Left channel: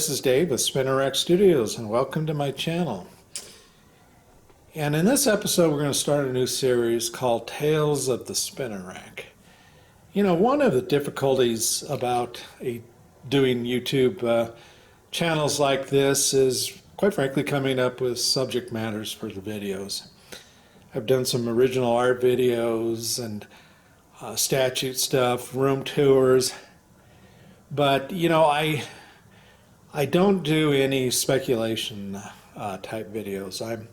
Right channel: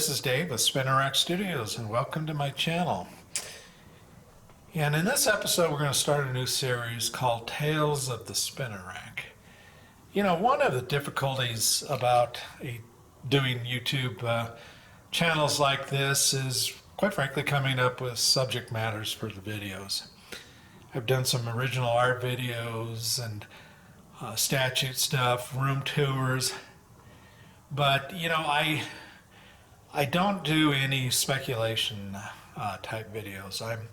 this is Dave with Spinner Rack Studios, and welcome to my channel. And in this episode, we're going to start a new series called Tales of the Spinner Rack. You know, one of the difficulties about doing YouTube channels like this is, quite frankly, coming up with subject matters for the videos. I've done some original art videos and statute stuff, room tours, but you know, I don't do any speculation type videos. I'm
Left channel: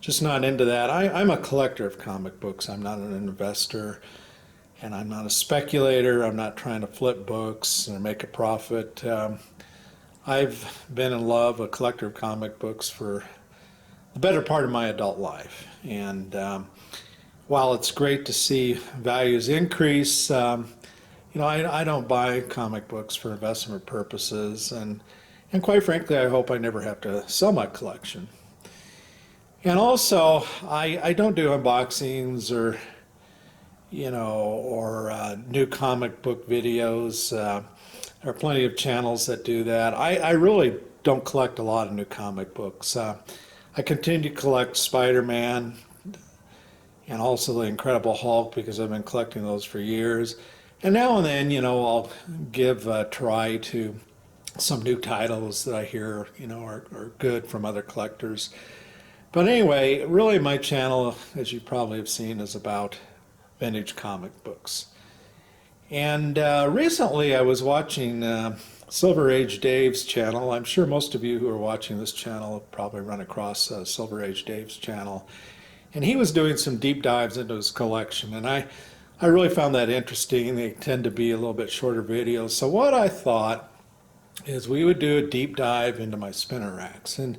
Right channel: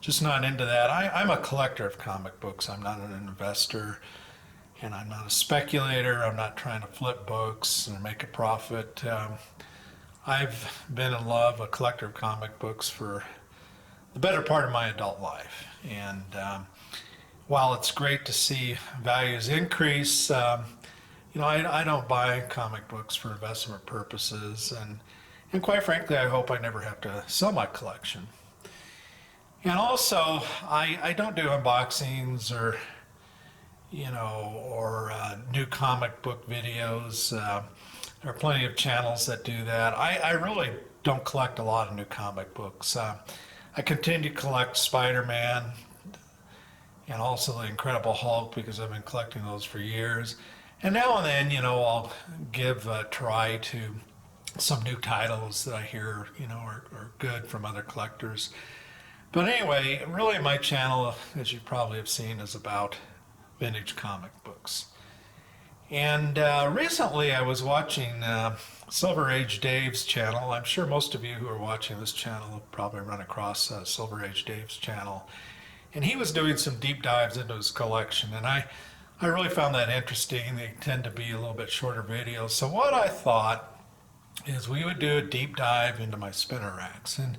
just not into that. I'm a collector of comic books. I'm not an investor, and I'm not a speculator. I'm not trying to flip books or make a profit. I've been in love, a collector of comic books for the better part of my adult life. And while it's great to see values increase, you know, I don't buy comic books for investment purposes, and quite frankly, I hope I never have to sell my collection. And also, I don't do unboxings or, you know, or new comic book videos. There are plenty of channels that do that. I really don't collect a lot of new comic books. I continue to collect Spider-Man and also the Incredible Hulk because I've been collecting those for years. And now and then, you know, I'll give a try to some new titles that I hear, you know, are good from other collectors. But anyway, really my channel, as you probably have seen, is about vintage comic books. And recently I was watching Silver Age Dave's channel. I'm sure most of you who are watching this channel have probably run across Silver Age Dave's channel. And he was doing some deep dives into his collection, and I really found that interesting. They tend to be a little bit shorter videos. So what I thought is we would do a deep dive into my spinner racks, and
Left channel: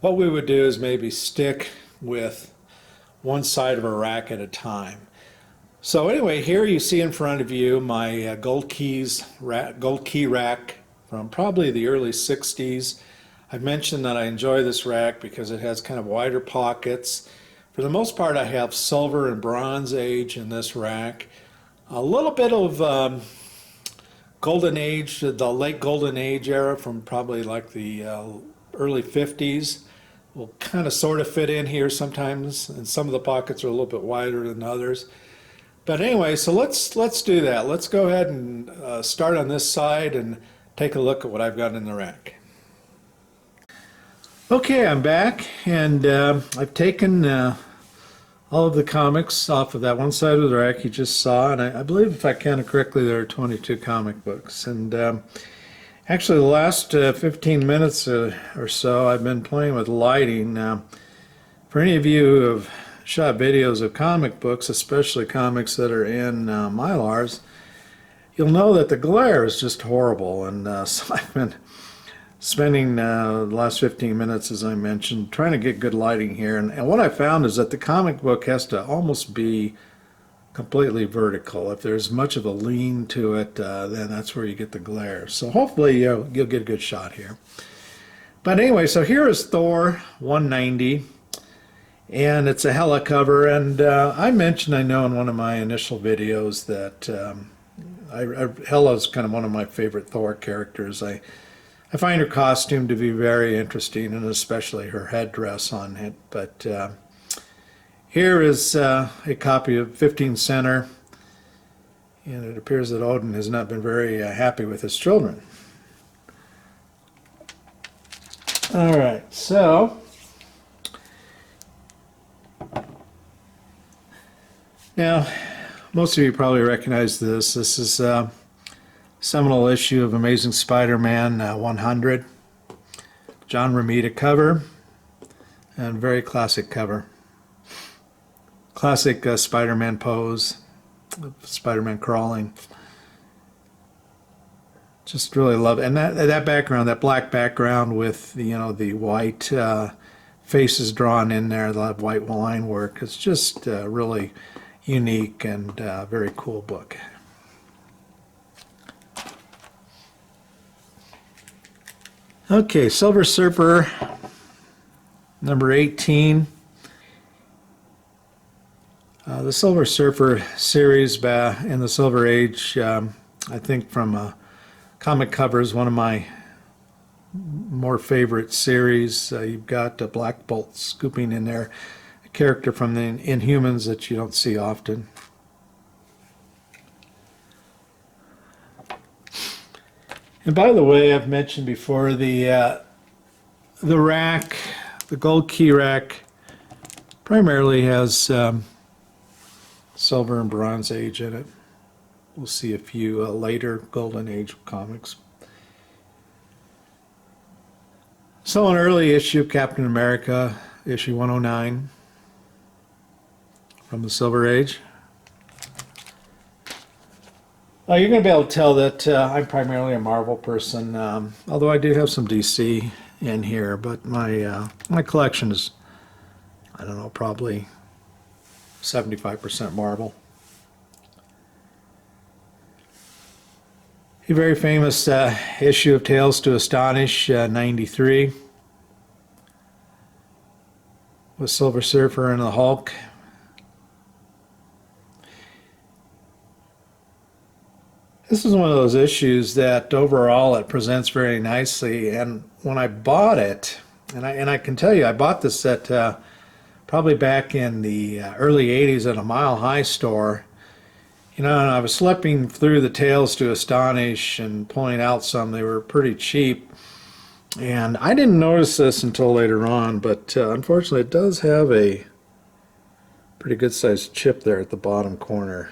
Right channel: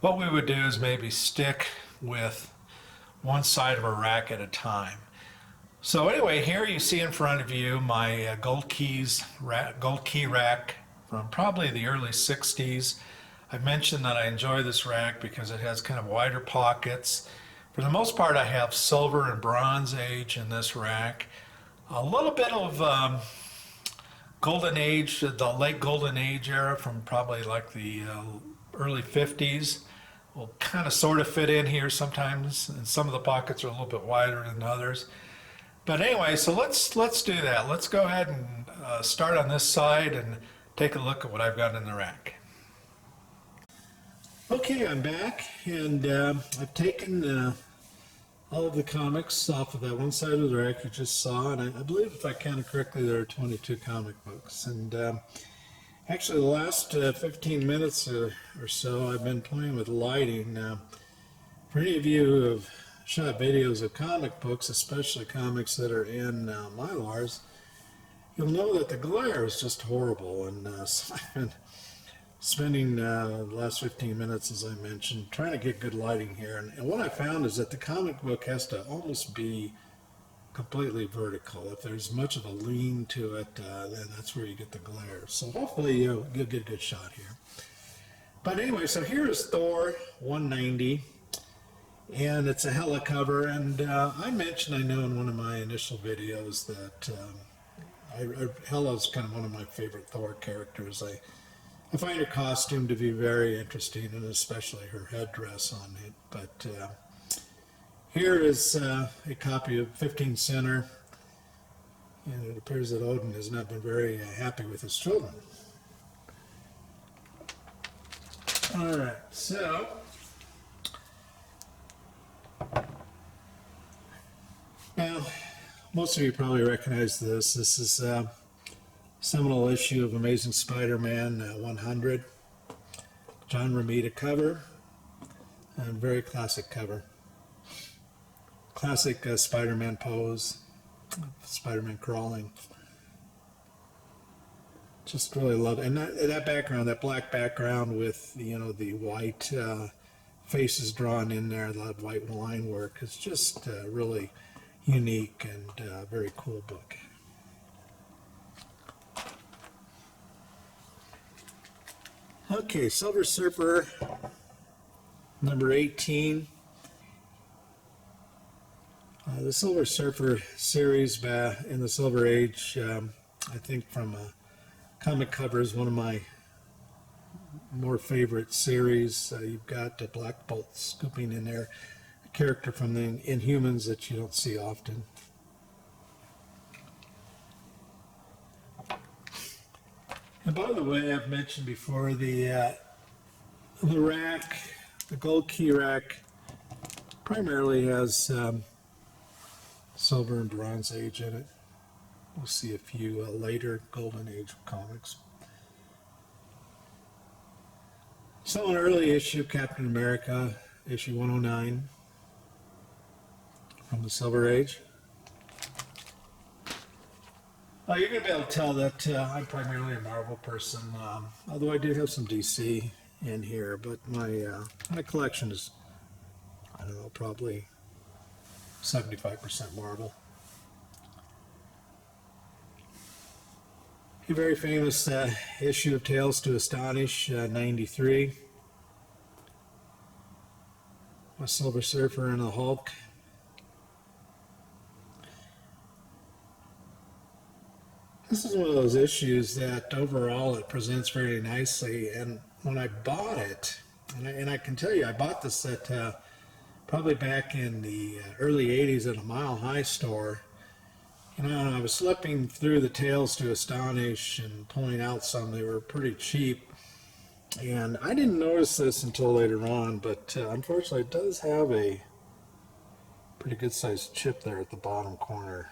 what we would do is maybe stick with one side of a rack at a time. So anyway, here you see in front of you my gold key rack from probably the early 60s. I've mentioned that I enjoy this rack because it has kind of wider pockets. For the most part, I have silver and bronze age in this rack. A little bit of golden age, the late golden age era from probably like the early 50s will kind of sort of fit in here sometimes, and some of the pockets are a little bit wider than others. But anyway, so let's do that. Let's go ahead and start on this side and take a look at what I've got in the rack. Okay, I'm back, and I've taken all of the comics off of that one side of the rack you just saw, and I believe, if I counted correctly, there are 22 comic books. And actually the last 15 minutes or so I've been playing with lighting. For any of you who have shot videos of comic books, especially comics that are in Mylars, you'll know that the glare is just horrible. And so I've been spending the last 15 minutes, as I mentioned, trying to get good lighting here. And what I found is that the comic book has to almost be completely vertical. If there's much of a lean to it, then that's where you get the glare. So hopefully you'll get a good shot here. But anyway, so here is Thor 190, and it's a Hella cover. And I mentioned, I know in one of my initial videos, that Hella's kind of one of my favorite Thor characters. I find her costume to be very interesting, and especially her headdress on it. But here is a copy of 15 Center, and it appears that Odin has not been very happy with his children. All right, so now most of you probably recognize this. This is a seminal issue of Amazing Spider-Man 100, John Romita cover, and very classic cover. Classic Spider-Man pose, Spider-Man crawling. Just really love it. And that background, that black background with, you know, the white faces drawn in there, the white line work, it's just really unique and very cool book. Okay, Silver Surfer number 18. The Silver Surfer series in the Silver Age, I think from comic covers, one of my more favorite series. You've got Black Bolt scooping in there, a character from the Inhumans that you don't see often. And by the way, I've mentioned before the rack, the gold key rack, primarily has Silver and Bronze Age in it. We'll see a few later Golden Age comics. So an early issue of Captain America, issue 109 from the Silver Age. You're going to be able to tell that I'm primarily a Marvel person, although I do have some DC in here, but my collection is, I don't know, probably 75% Marvel. A very famous issue of Tales to Astonish, 93, with Silver Surfer and the Hulk. This is one of those issues that overall it presents very nicely, and when I bought it, and I can tell you, I bought this at probably back in the early 80s at a Mile High store. You know, and I was slipping through the Tales to Astonish and pulling out some. They were pretty cheap. And I didn't notice this until later on, but unfortunately it does have a pretty good sized chip there at the bottom corner.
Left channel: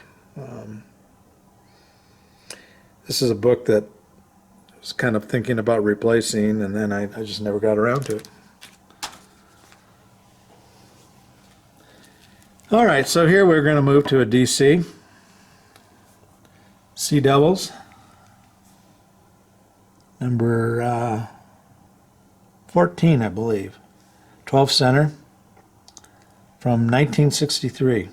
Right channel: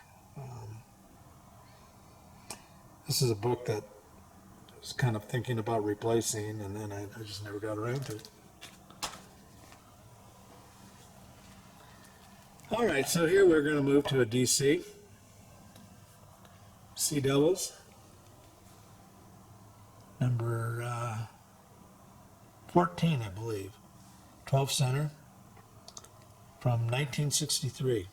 This is a book that I was kind of thinking about replacing, and then I just never got around to it. All right, so here we're going to move to a DC. Sea Devils, number 14, I believe, 12 center, from 1963.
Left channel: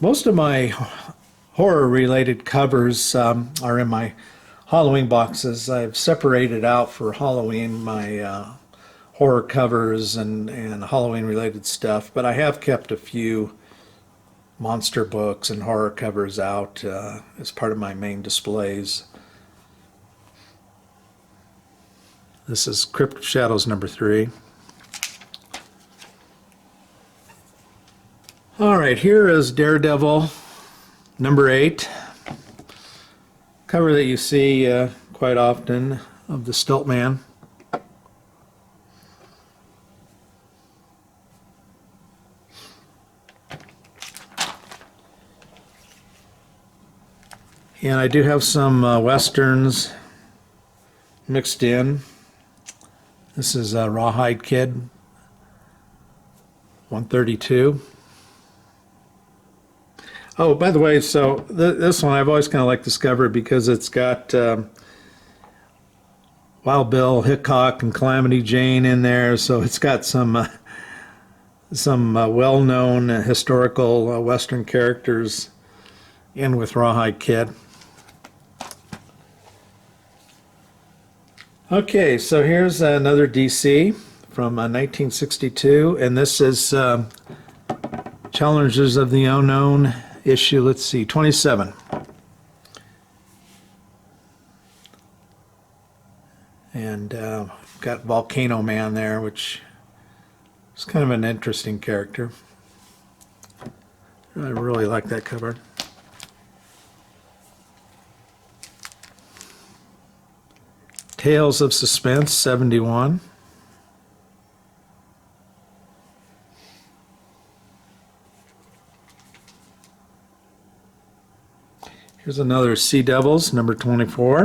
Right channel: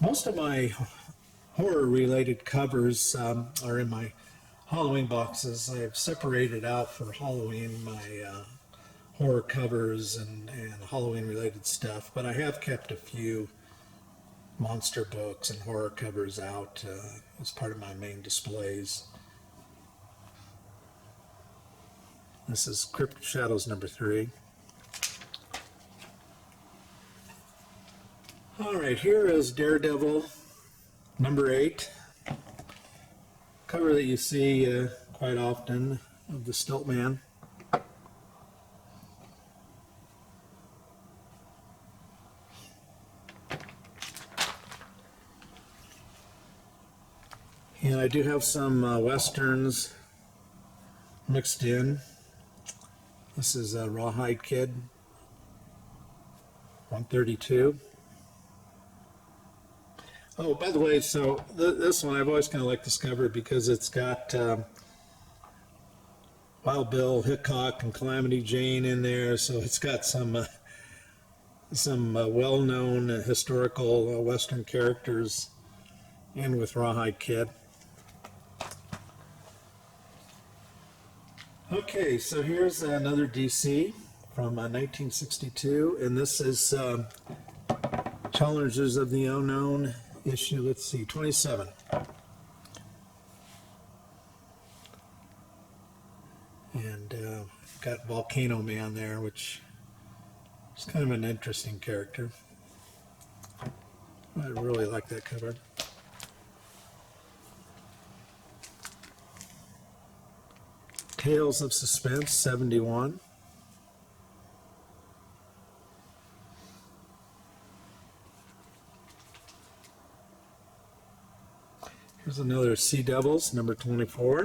Most of my horror-related covers are in my Halloween boxes. I've separated out for Halloween my horror covers and Halloween-related stuff, but I have kept a few monster books and horror covers out as part of my main displays. This is Crypt of Shadows number 3. All right, here is Daredevil number 8, cover that you see quite often of the Stilt Man. And I do have some Westerns mixed in. This is Rawhide Kid, 132. Oh, by the way, so this one I've always kind of liked Discover because it's got Wild Bill Hickok and Calamity Jane in there, so it's got some well-known historical Western characters in with Rawhide Kid. Okay, so here's another DC from 1962, and this is Challengers of the Unknown. Issue, let's see, 27. And got Volcano Man there, which is kind of an interesting character. I really like that cover. Tales of Suspense, 71. Here's another Sea Devils, number 24.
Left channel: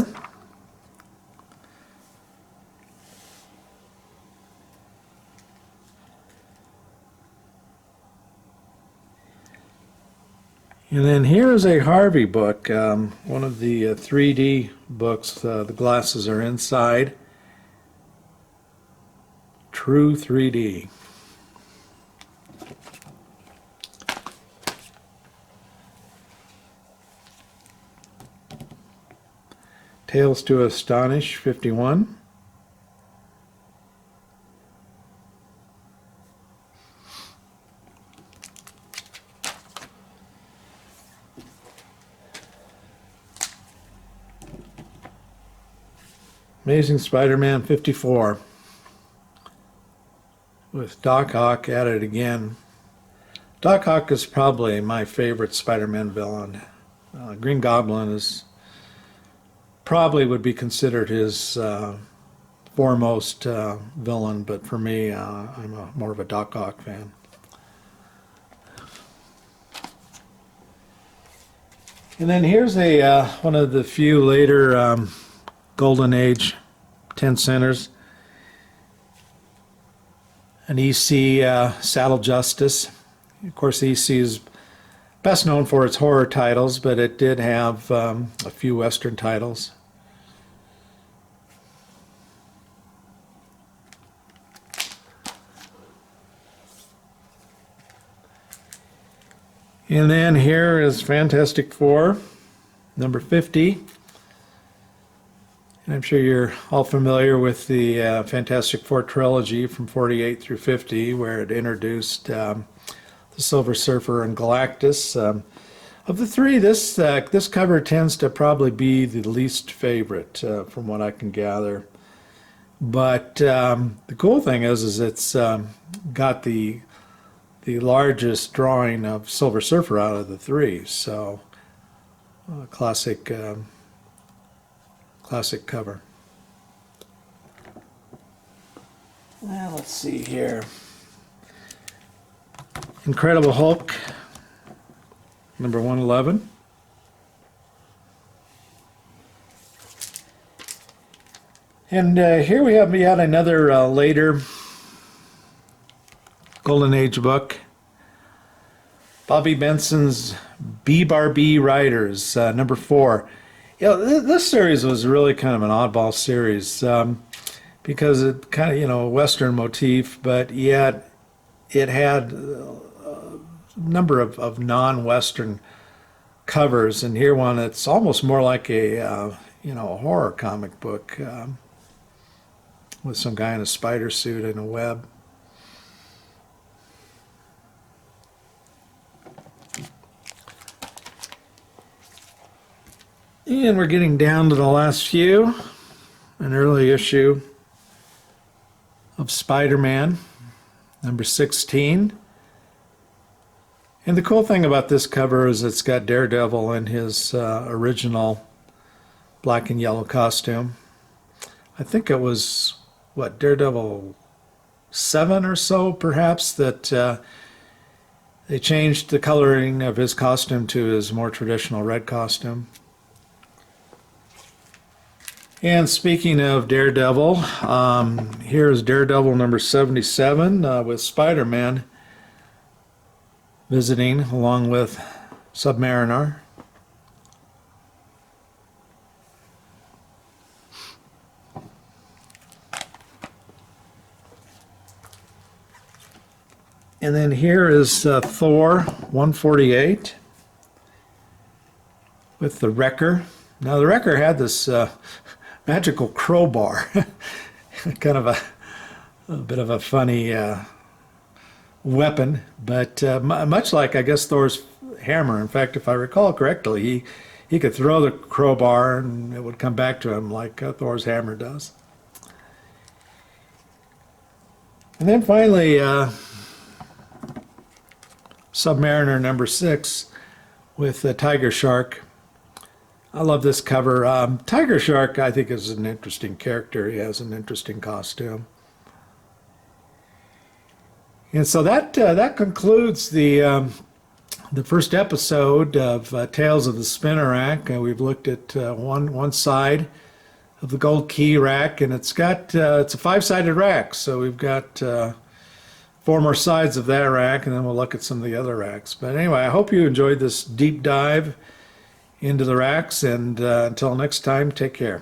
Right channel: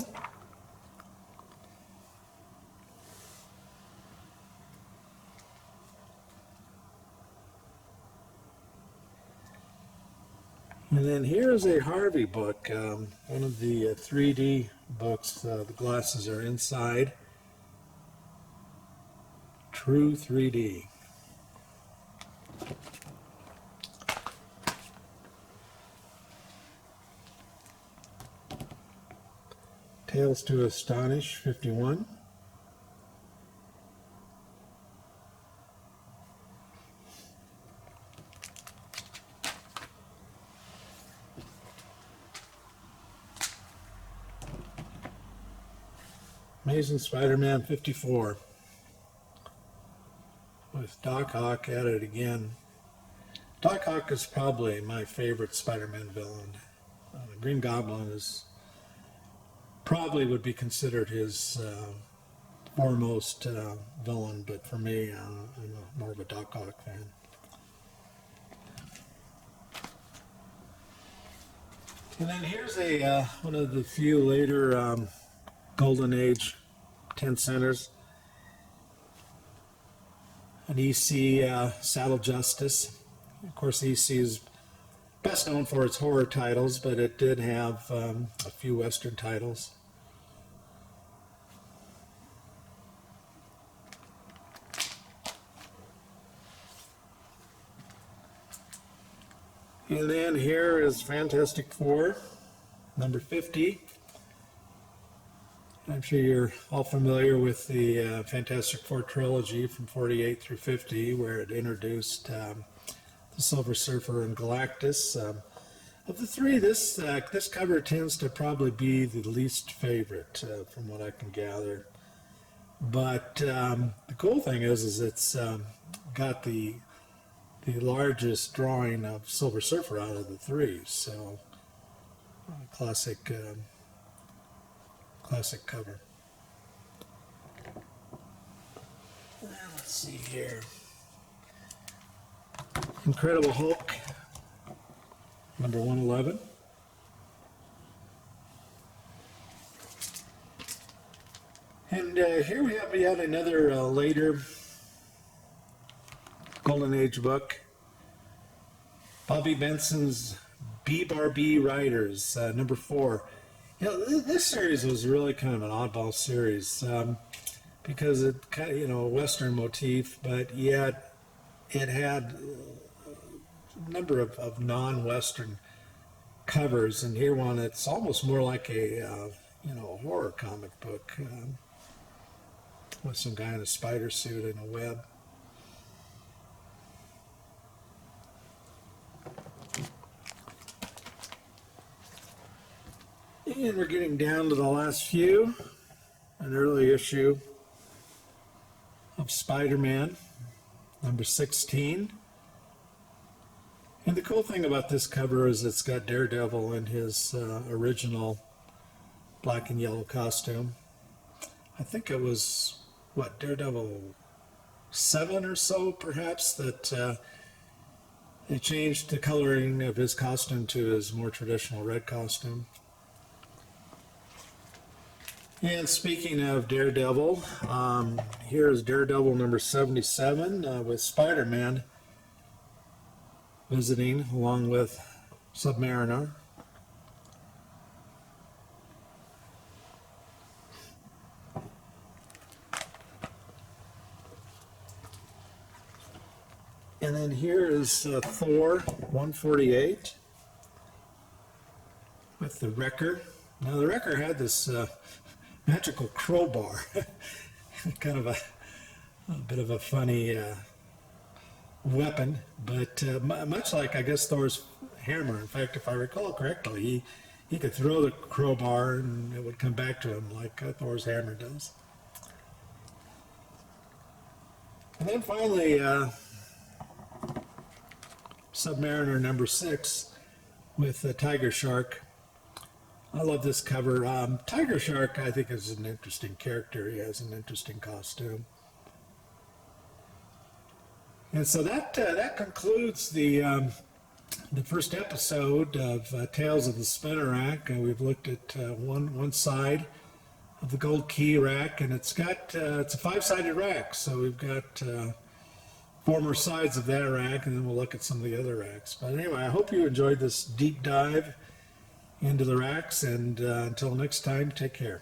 And then here is a Harvey book, one of the 3D books. The glasses are inside. True 3D. Tales to Astonish, 51. Amazing Spider-Man 54 with Doc Ock at it again. Doc Ock is probably my favorite Spider-Man villain. Green Goblin is probably would be considered his foremost villain, but for me, I'm more of a Doc Ock fan. And then here's a one of the few later Golden Age 10 centers. An EC Saddle Justice. Of course, EC is best known for its horror titles, but it did have a few Western titles. And then here is Fantastic Four, number 50. And I'm sure you're all familiar with the Fantastic Four trilogy from 48 through 50, where it introduced the Silver Surfer and Galactus. Of the three, this cover tends to probably be the least favorite, from what I can gather. But the cool thing is it's got the largest drawing of Silver Surfer out of the three. So, classic cover. Now let's see here. Incredible Hulk, number 111. And here we have yet another later Golden Age book. Bobby Benson's B-Bar-B Riders, number 4. You know, this series was really kind of an oddball series because it kind of, Western motif, but yet it had a number of non-Western covers. And here one, it's almost more like a horror comic book with some guy in a spider suit and a web. And we're getting down to the last few. An early issue of Spider-Man, number 16. And the cool thing about this cover is it's got Daredevil in his original black and yellow costume. I think it was, Daredevil 7 or so, perhaps, that they changed the coloring of his costume to his more traditional red costume. And speaking of Daredevil, here is Daredevil number 77 with Spider-Man visiting along with Submariner. And then here is Thor 148 with the Wrecker. Now the Wrecker had this magical crowbar, kind of a bit of a funny weapon, but much like, I guess, Thor's hammer. In fact, if I recall correctly, he could throw the crowbar and it would come back to him like Thor's hammer does. And then finally, Submariner number 6 with the Tiger Shark. I love this cover. Tiger Shark, I think, is an interesting character. He has an interesting costume. And so that concludes the first episode of Tales of the Spinner Rack. We've looked at one side of the gold key rack, and it's a 5-sided rack. So we've got 4 more sides of that rack, and then we'll look at some of the other racks. But anyway, I hope you enjoyed this deep dive into the racks, and until next time, take care.